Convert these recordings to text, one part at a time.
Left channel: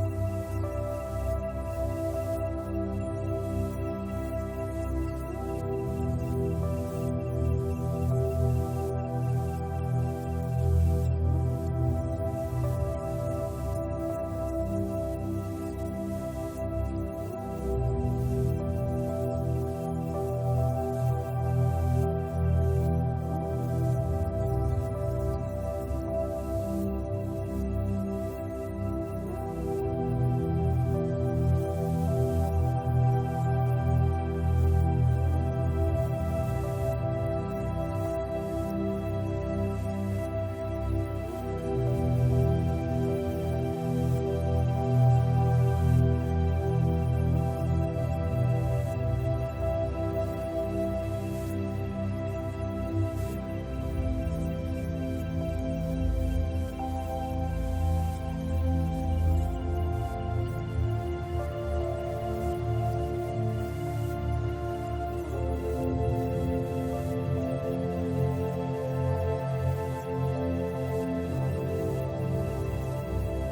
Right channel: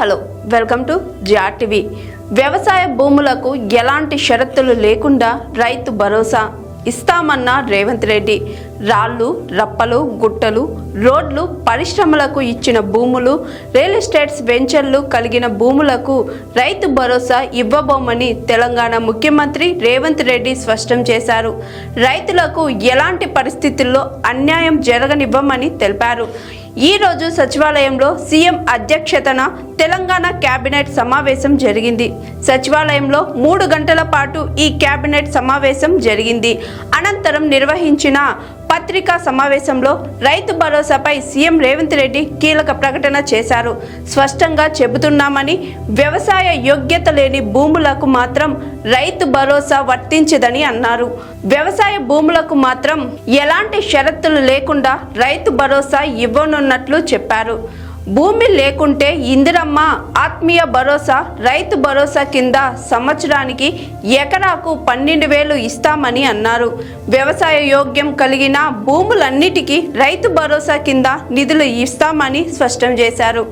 Hello welcome to GRTV. వ్యవసాయ భూములకు ఎలాంటి షరతులు లేకుండా రైతు భరోసా ఇస్తామన్న రేవంత్ రెడ్డి. రాళ్లు, రప్పలు, గుట్టలు, రోడ్లు, పరిశ్రమలకు ఇచ్చిన భూములు, రియల్ ఎస్టేట్స్ వెంచర్లు కలిగిన భూములకు రైతు భరోసా ఇవ్వబోమని తెలంగాణ ముఖ్యమంత్రి రేవంత్ రెడ్డి స్పష్టం చేశారు. రైతులకు ఎలాంటి పరిస్థితుల్లో అన్యాయం జరగనివ్వమని తెలిపారు. ఈ రోజు సచివాలయంలో సీఎం అధ్యక్షతన తెలంగాణ కేబినెట్ సమావేశం జరిగింది. సచివాలయంలో 3 గంటల పాటు ఈ కేబినెట్ సమావేశం జరిగింది. అనంతరం నిర్వహించిన పత్రికా సమావేశంలో రైతు భరోసాపై సీఎం రేవంత్ రెడ్డి కీలక ప్రకటన చేశారు. స్పష్టంగా చెబుతున్నామని, వ్యవసాయ యోగ్యత లేని భూములకు మాత్రం రైతు భరోసా వర్తించదని అన్నారు. వ్యవసాయ భూములకు మాత్రం ఎలాంటి షరతులు లేకుండా రైతు భరోసా ఇవ్వనున్నట్లు చెప్పారు. భూమి లేకుంటే ఇందిరమ్మ ఆత్మీయ భరోసా, రైతు భరోసా కింద సంవత్సరానికి ఎకరాకు 12,000 ఇస్తామని అన్నారు. వ్యవసాయ యోగ్యం కలిగిన భూములన్నిటికీ రైతు భరోసా కింద నిధులు ఇస్తామని స్పష్టం చేశారు.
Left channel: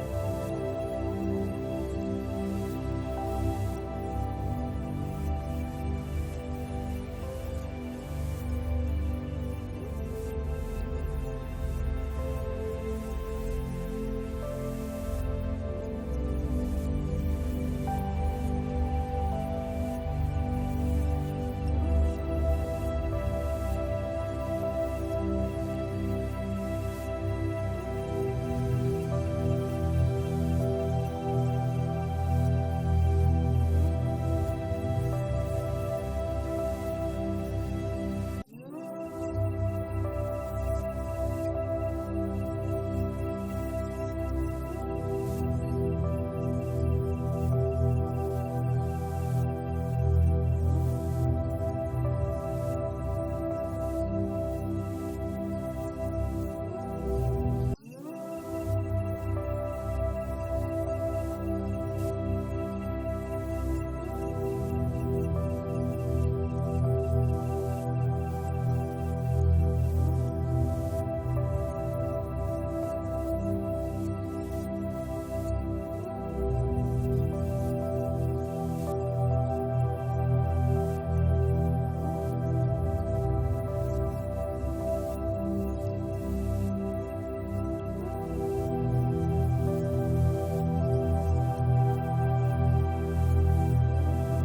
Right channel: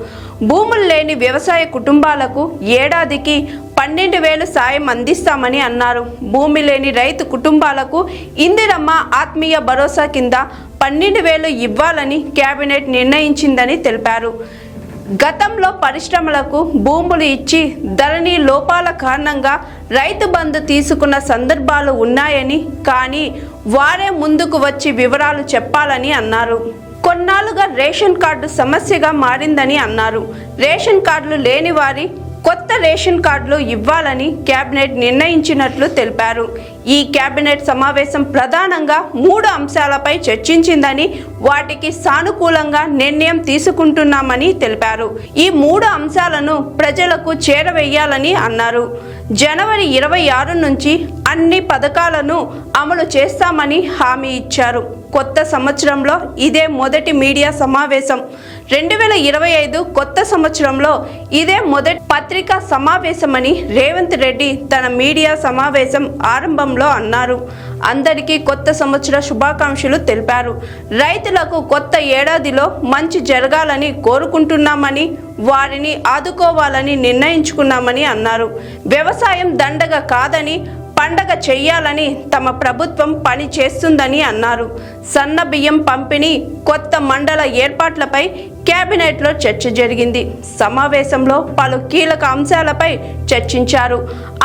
భూములు లేని వ్యవసాయ కుటుంబాలకు ఏడాదికి 12,000 సాయం అందిస్తామని అన్నారు. భూమి లేని రైతు కుటుంబాలకు ఇందిరమ్మ ఆత్మీయ భరోసా కింద 12,000 ఇవ్వాలని కేబినెట్ నిర్ణయించిందని తెలిపారు. గతంలో పరిశ్రమలకు భూములు ఇచ్చి ధరణి లోపాల కారణంగా రైతు బంధు తీసుకున్న సందర్భాలు ఉన్నాయని, కానీ వారే ముందుకు వచ్చి వివరాలు చెప్పాలని అన్నారు. కొన్నాళ్ళుగా రేషన్ కార్డు సమస్యగా మారిందని అన్నారు. రేషన్ కార్డులు లేని వారి కొత్త రేషన్ కార్డులు ఇవ్వాలని కేబినెట్ నిర్ణయించినట్లు తెలిపారు. ఈ కేబినెట్ సమావేశం ప్రధానంగా 3 అంశాలపై చర్చించిందని, వాటికి సానుకూలంగా నిర్ణయం తీసుకుంటున్నామని తెలిపారు. ఈ 3 అంశాలను ప్రజలకు చేరవేయాలని అన్నారు. జనవరి 26 నుంచి అన్ని పథకాలను అమలు చేస్తామని హామీ ఇచ్చారు. కొత్త సంవత్సరంలో ఇదే మొదటి మీడియా సమావేశం. 2025 కొత్త సంవత్సరంలో ఇదే మొదటి పత్రికా సమావేశమని రేవంత్ రెడ్డి తన మీడియా సమావేశం ఆరంభంలో అన్నారు. అందరికీ కొత్త సంవత్సర శుభాకాంక్షలు తెలిపారు. రైతులకు కొత్త ఏడాదిలో మంచి జరగాలని కోరుకుంటున్నామని, వారిని ఆదుకోవాలని నిర్ణయించుకున్నామని అన్నారు. వ్యవసాయం దండగ కాదని, పండగ చెయ్యాలని తమ ప్రభుత్వం పని చేస్తుందని అన్నారు. సన్న బియ్యం పంపిణీ, కొత్త మండల ఏర్పాట్లపై కేబినెట్లో చర్చ జరిగింది. సమావేశంలో పలు కీలక అంశాలపై చర్చించారు.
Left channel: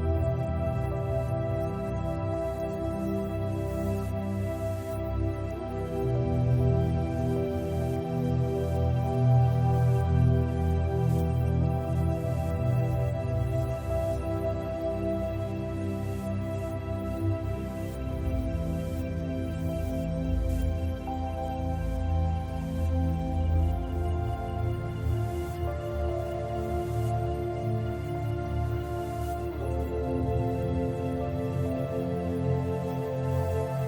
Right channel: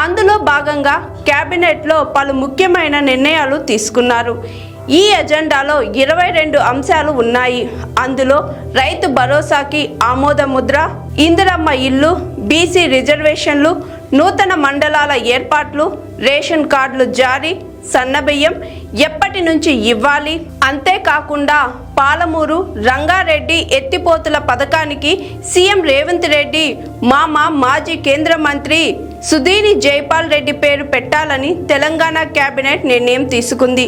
అందులో భాగంగా కేబినెట్లో పలు ముఖ్యమైన నిర్ణయాలు తీసుకున్నారు. ఈ ఎజెండాలో 22 అంశాలు ఉన్నాయి. అందులో రైతు భరోసాకి ఆమోద ముద్ర, ఇందిరమ్మ ఇల్లు, బీసీ రిజర్వేషన్లు, నూతన మండలాల ఏర్పాట్లు, రేషన్ కార్డులు జారీ, సన్నబియ్యం ఎప్పటి నుంచి ఇవ్వాలి, అంతేకాకుండా పాలమూరు రంగారెడ్డి ఎత్తిపోతుల పథకానికి సీఎం రేవంత్ రెడ్డి మాజీ కేంద్ర మంత్రి సుధీని జైపాల్ రెడ్డి పేరు పెట్టాలని తెలంగాణ కేబినెట్ నిర్ణయం తీసుకుంది.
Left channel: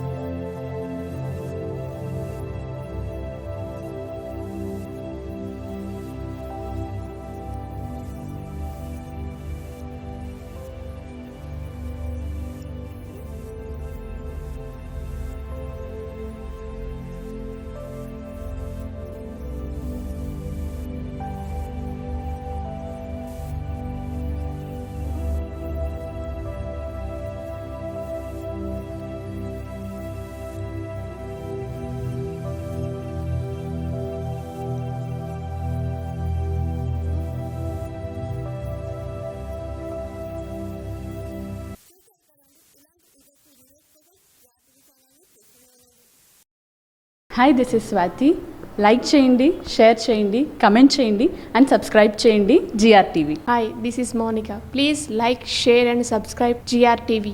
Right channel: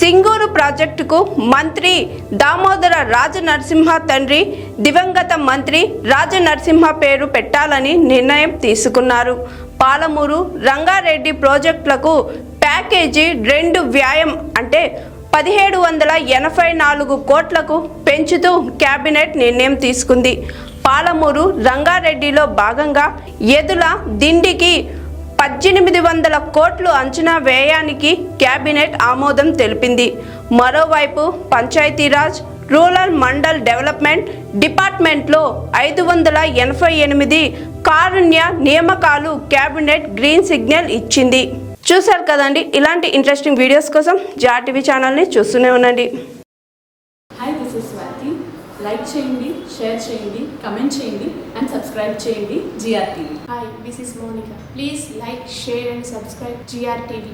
సింగూరు ప్రాజెక్టుకు మంత్రి దామోదర రాజనరసింహ తండ్రి దివంగత మంత్రి రాజనరసింహ పేరు పెట్టాలని నిర్ణయం తీసుకున్నారు. పాలమూరు రంగారెడ్డి ప్రాజెక్టులకు ప్యాకేజీ 2 వ్యయం అంటే 1784 కోట్లకు పెంచుతూ కేబినెట్ నిర్ణయం తీసుకుంది. పాలమూరు రంగారెడ్డిలో భాగంగా ఎదుల దిండికి 1800 కోట్లు అంచనా వ్యయానికి కేబినెట్ ఆమోదం తెలిపింది. మరోవైపు పంచాయతీరాజ్, రూరల్ మండల్ డెవలప్మెంట్ డిపార్ట్మెంట్లో 588 కారుణ్య నియామకాలు కేబినెట్ గ్రీన్ సిగ్నల్ ఇచ్చింది. చూశారు కదండి. ఇలాంటి ఇంట్రెస్టింగ్ వీడియోస్ కోసం జిఆర్టీవీ ఛానల్ని చూస్తూనే ఉండండి. Hi, this is Swathi. Like చేయండి, షేర్ చేయండి, కమెంట్ చేయండి అండ్ సబ్స్క్రైబ్ చేయండి GRTV. Hi, this is Monica. Please like, share and subscribe GRTV.